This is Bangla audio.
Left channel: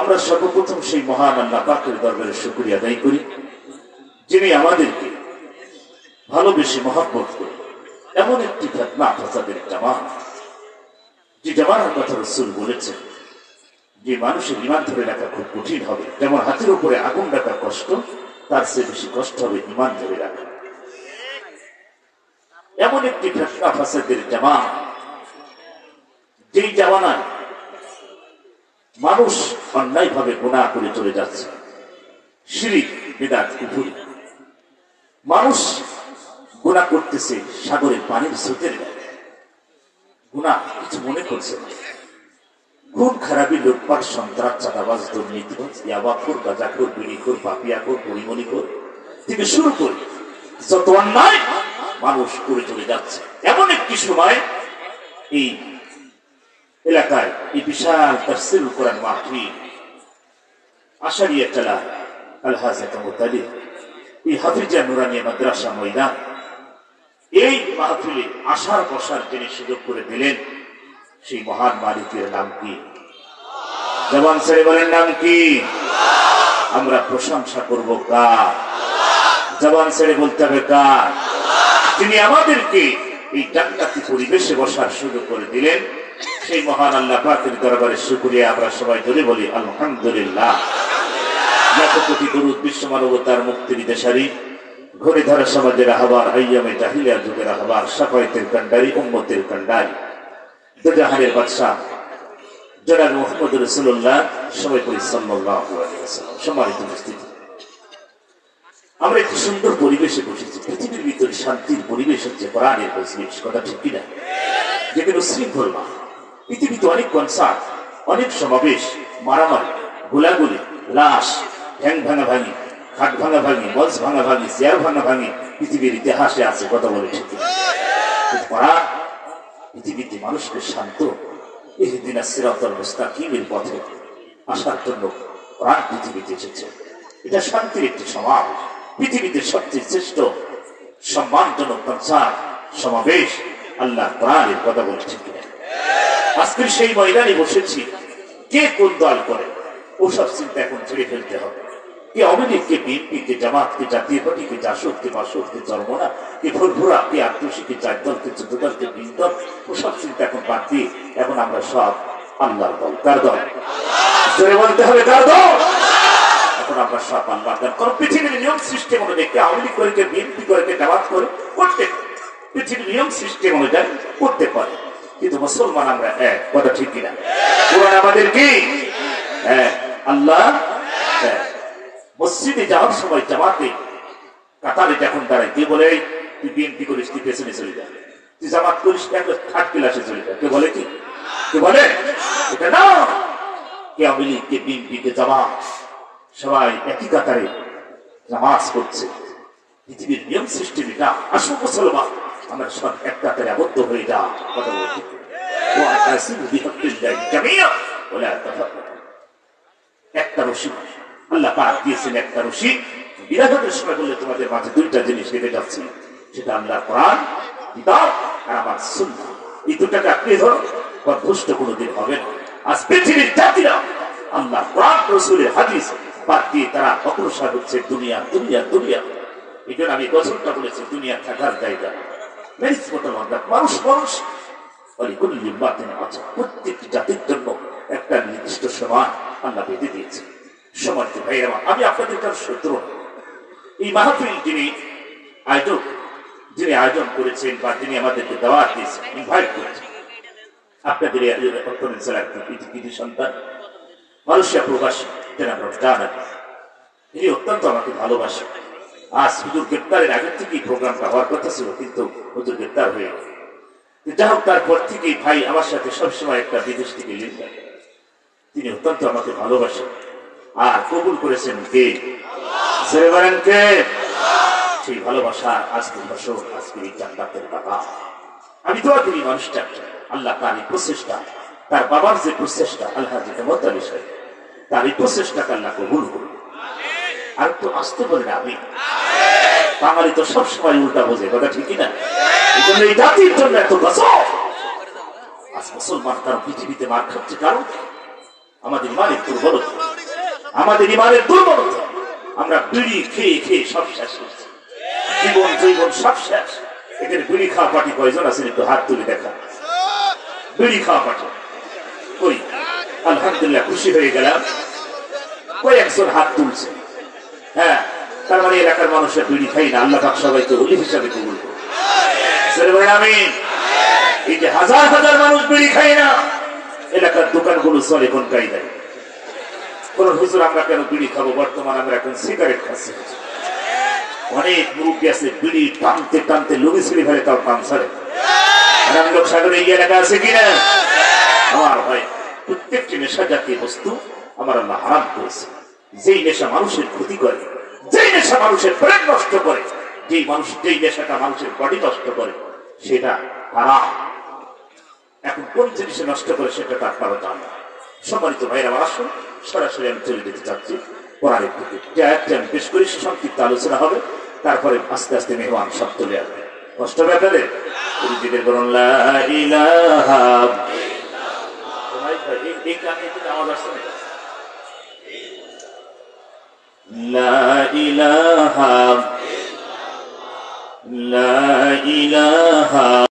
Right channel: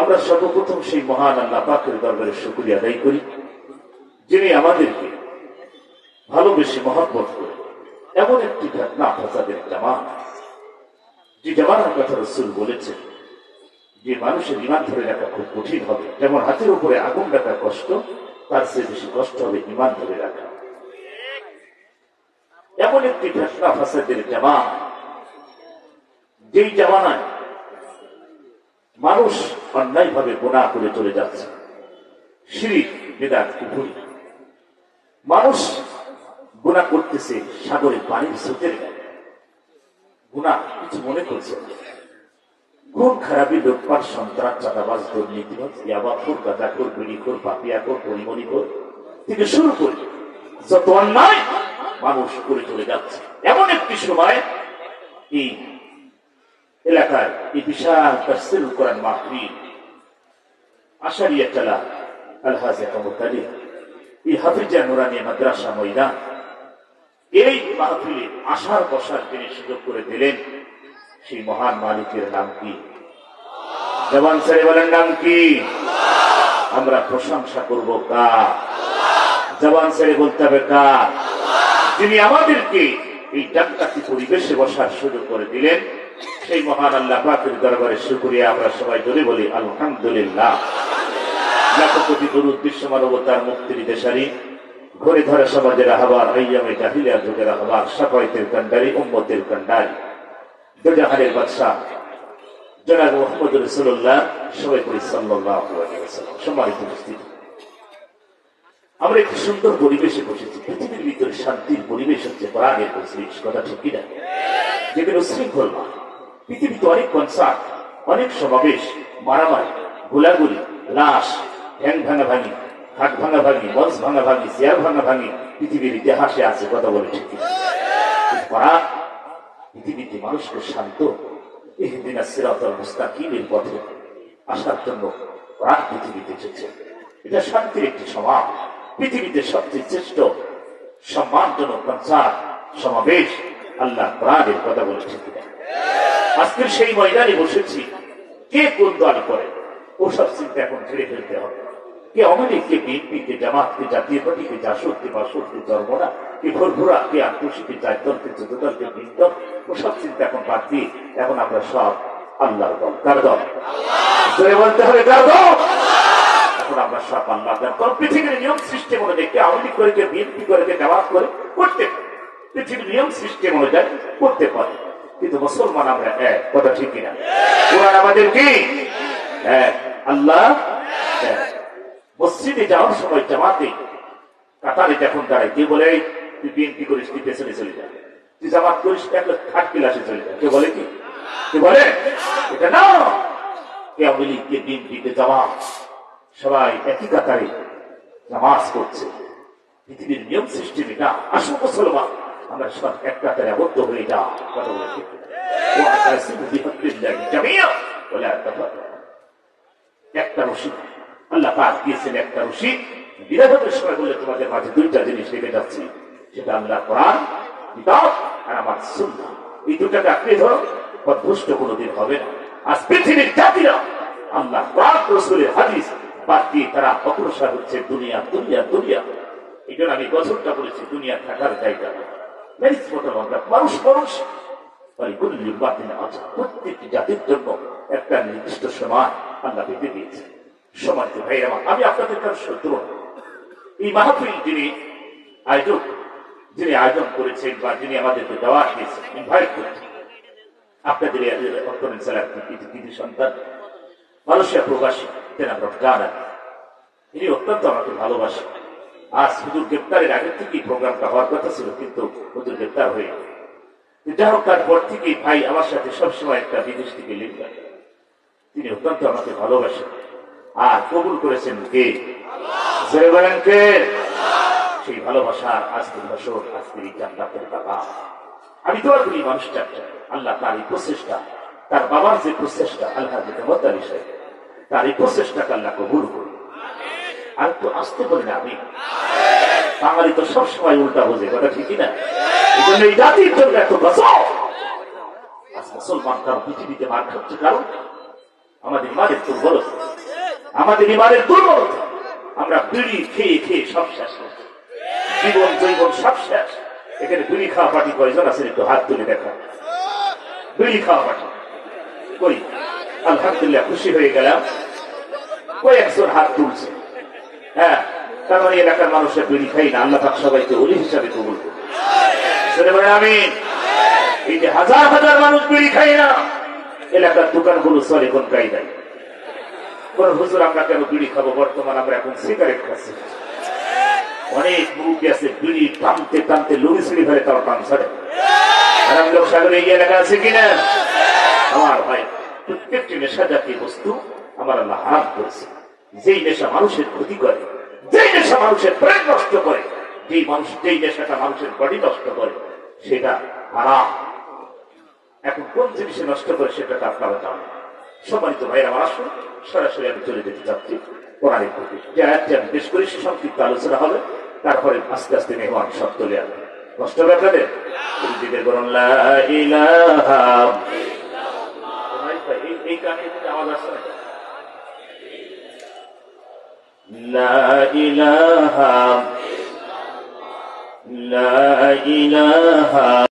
আমরা সর্বপ্রথম সেই মহান আল্লাহ পাকের দরবারে শুকরিয়া আদায় করি, যিনি আমাদেরকে ভালোবেসে মহব্বত করে এমন একটি ফিতনা ফাসাদের জামাত, যে জামানার কথা রাসূল বলেছেন যে মানুষের ঈমান ধরে রাখা খুব কঠিন হবে, যেমন হাতের উপরে আগুন রাখা কষ্ট, তার চেয়ে বেশি কষ্ট হবে ঈমান ধরে রাখা। এমন একটি ফিতনা ফাসাদের জামাত, যেই জামানায় মানুষ অন্যায়ভাবে গুনাহ করে চলে যাচ্ছে, শিরক বিদআত কুফর, মানুষ গুনাহ করতেছে সাগরের পানির স্রোতের গায়ে, গুনাহ কিছু মনে করছে, খুন খারাপি, লোটপাট, সন্ত্রাস, চাঁদাবাজ, দুর্নীতিবাজ, ইয়াবাখোর, গাঁজাখোর, বিড়িখোর, পাপিয়াখোর, পরিমণিখোর থেকে শুরু করে যত অন্যায় মানুষ করে চলে যাচ্ছে। এমন একটি সময় এই এলাকায় এই বিশাল তাফসীরুল কোরআন মাহফিল আশারিয়া চালা আলহাজ মুতালিব এই হাফিজা নুরানিয়া মাদ্রাসা ময়দান, এই মাহফিলে আসার বসার যিনি সুযোগ করে দিলেন, সেই মহান মালিকের নাম কি? জবান ছেড়ে বলেন নাম কি? আমরা প্রশংসা করব কার? জবান ছেড়ে বলতে হবে কার? যিনি আমাদেরকে এই জান্নাতি পরিবেশে বসার সুযোগ করে দিলেন, সেই মহান আল্লাহ পাকের দরবারে শুকরিয়া আমরা সবাই ধরে বলি আলহামদুলিল্লাহ। লাখো কোটি দরুদ বিশ্ব মানবতার মুক্তির দেশারি, ঘরে ধরা সমাজের আহ্বান, আইয়ামে জাহিলিয়ার যুগের আহ্বান, শাফায়েতের কান্ডারি, উম্মতের কান্ডারি, দুজাহানের বাদশাহ জনাব মুহাম্মদ রাসূলুল্লাহ সবাই বলি সাল্লাল্লাহু আলাইহি ওয়াসাল্লাম। সম্মানিত উপস্থিতি, আমরা একটি সুন্দর পরিবেশে বসেছি। পৃথিবীর ভিতরে শান্তির পরিবেশ হচ্ছে কোরআনের পরিবেশ, কথা ঠিক কিনা? যেখানে উশৃঙ্খল না, পৃথিবীতে অনেক কনসার্ট, অনেক সমাবেশ, মারামারি, গোলাগুলি, লাশ, ঠ্যাং ভাঙা ভাঙি, খাট ভাঙা ভাঙি, মঞ্চ ভাঙা ভাঙি, চেয়ার ভাঙা ভাঙি পৃথিবীর ইতিহাসে আছে, কথা বলে ঠিক কিনা? কোরআন পৃথিবীতে মানুষকে শান্ত, ইহদিনাস সিরাতাল মুস্তাকিমের পথে আসার জন্য কোরআন পৃথিবীতে এসেছে। এটা শান্তির একটি সমাবেশ, পৃথিবীতে সবচেয়ে শ্রেষ্ঠ সম্মানজনক কনসার্ট, সমাবেশ আল্লাহ কোরআনের কথা বলছে কিনা? আজকের সেই ময়দানে বসেছি। কে কোন দল করে ওসব চিন্তা এখন ছেড়ে ফেলতে হবে। কে আওয়ামী লীগ, কে বিএনপি, কে জামাত, কে জাতীয় পার্টি, কে জাসদ, কে বাসদ, কে চরমোনা, কে ফুরফুরা, কে আত্মসী, কে চারদল, কে চোদ্দ দল, কে 20 দল, ওসব চিন্তা এখন বাদ দিয়ে এখন আমরা সব আল্লাহর দল। কার দল? জোরে বলতে হবে কার দল? এখন আমরা সব আল্লাহর দল। কারণ পৃথিবীর নিয়ম সিস্টেম অনুযায়ী কে আওয়ামী লীগ করে, কে বিএনপি করে, কে জামাত করে, করতে পারে। পৃথিবীর নিয়ম সিস্টেম অনুযায়ী করতে পারে, কিন্তু মুসলমান আমরা এক, কথা ঠিক কিনা? কোরআন আমাদের কি এক, আল্লাহ এক। মসজিদে যাওয়ার সময় জামাতে কাতারে যখন দাঁড়ায়, কে বলে তুই বিএনপি করিস, তুই পেছনে চলে যা, তুই জামাত করিস, একবার থার্ড ক্লাসে চলে যা, কে বলে? কি কে বলে? এটা না। কে আওয়ামী লীগ, কে বিএনপি, কে জামাত, সবাই একই কাতারে নামাজ করছে। পৃথিবীর নিয়ম সিস্টেম এটা। আসল মুসলমান আমরা সব এক কাতারে আবদ্ধ হয়ে যা, কথা বলে ঠিক। একটা রশি আল্লাহ পাক দিয়েছেন, একটা রশি বিরাজতের সময় বললে তোমাদের মাঝে দুইটা জিনিস রেখে যাচ্ছি, সেটা আল্লাহ কোরআন কিতাব আর আমার সুন্নাহ। এই দুটাকে আঁকড়ে ধরো, দুষ্ট কোনোদিন হবে না। আজ পৃথিবীর জাতিরা আল্লাহ কোরআন রাসূলের হাদিস বাদ দিয়ে তারা অগ্রসর হচ্ছে দুনিয়া দুনিয়া দুনিয়া। এই জন্য আমি গজলটা বলেছি, দুনিয়া থাকার জায়গা মানুষ মানুষ প্রত্যেকটি জাতির জন্য একটা নির্দিষ্ট সময় আল্লাহ বেঁধে দিয়েছে। সম্মানিত ভাইয়েরা, আমি আপনাদের কাছে শত্রু। এই মাহফিল যিনি আয়োজন করেছেন বা যিনি আমাদেরকে দাওয়াত দিয়েছেন, ইনভাইট করেছেন, আপনাদের সন্তান মালয়েশিয়া প্রবাসী জনাব রমজান আলী, তিনি অত্যন্ত আমাকে ভালোবাসেন। আজ হুজুর গ্রেপ্তারের আগে থেকেই প্রোগ্রামটা হওয়ার কথা ছিল, কিন্তু হুজুর গ্রেপ্তার হয়ে গেল। যাই হোক, তারপর থেকে ভাই আমার সাথে সবসময় একটা বিদেশ থেকে লিঙ্ক, তিনি অত্যন্ত আমাকে ভালোবাসেন আর কবুল করেছেন কে? কে? সেই ভালোবাসা আজকের বছর, আজকের এই জান্নাতের টাকা। আমি দোয়া করি মানুষটা আল্লাহ তার এই প্রচেষ্টা, তার বাবার যে প্রচেষ্টা, আল্লাহ তার এই প্রচেষ্টাকে আল্লাহ কবুল করুন। আর একটু আসতে বলেন আমি। বাঙালি তো সবসময় উল্টা বোঝে, কথা ঠিকই না? এই জন্য এই জাতির জন্য এত বছর আজ মুসলমান তার পৃথিবীতে মার খাচ্ছে, কারণ আমাদের ইমানের দুর্বলতা, আমাদের ইমানের দুর্বলতা। আমরা বিড়ি খেয়ে খেয়ে সব শেষ করছি, জীবন জৈবন সব শেষ। এখানে বিড়ি খাওয়া পার্টি কয়জন আছেন? একটু হাত তুলে দেখা। বিড়ি খাওয়া পার্টি কই? আলহামদুলিল্লাহ, খুশি হয়ে গেলাম, কয়েকজন হাত তুলছে। হ্যাঁ, তার মানে এলাকার মানুষরা বিড়ি খাই না। আল্লাহ পাক সবাইকে ওলি হিসাবে কবুল করুন। আমিন। এই যে হাজার হাজার মানুষ বিড়ি খাই না, এলাকার দোকানগুলো চলে কোন কায়দায়? কোন হুজুর আমরা কেন বিড়ি খাবো? বর্তমান আমরা এখন সিগারেট খাচ্ছি। অনেক মুরব্বী আছে বিড়ি টানতে টানতে লুড়ি ছিঁড়ে ফেলে, তাও টান ছাড়ে। রামলোক সাগরে এই এলাকা আছে কিনা? আমার ভাই, প্রত্যেকটি নেশা জাতীয় বস্তু আমার আল্লাহ হারাম করেছে। যেই নেশা মানুষের ক্ষতি করে, যেই নেশা মানুষের ব্রেন নষ্ট করে, যেই নেশাটা মানুষের বডি নষ্ট করে, সেটা হারাম। এখন কোন জিনিসে নষ্ট করে সেটা তার কারো জান না। সম্মানিত ভাইরা, আমার আসুন সরাসরি আমি চলে যেতে চাচ্ছি কোরআনের দিকে। আমি বেশ করে সংক্ষিপ্ত আলোচনা হবে, তারপরে আস্তে আস্তে মেহমান সব চলে আসবে। কষ্ট হবে আপনাদের? বলুন লা ইলাহা। এই কাহিনীতে আওয়াজ আসছে না? লা ইলাহা, লা ইলাহা।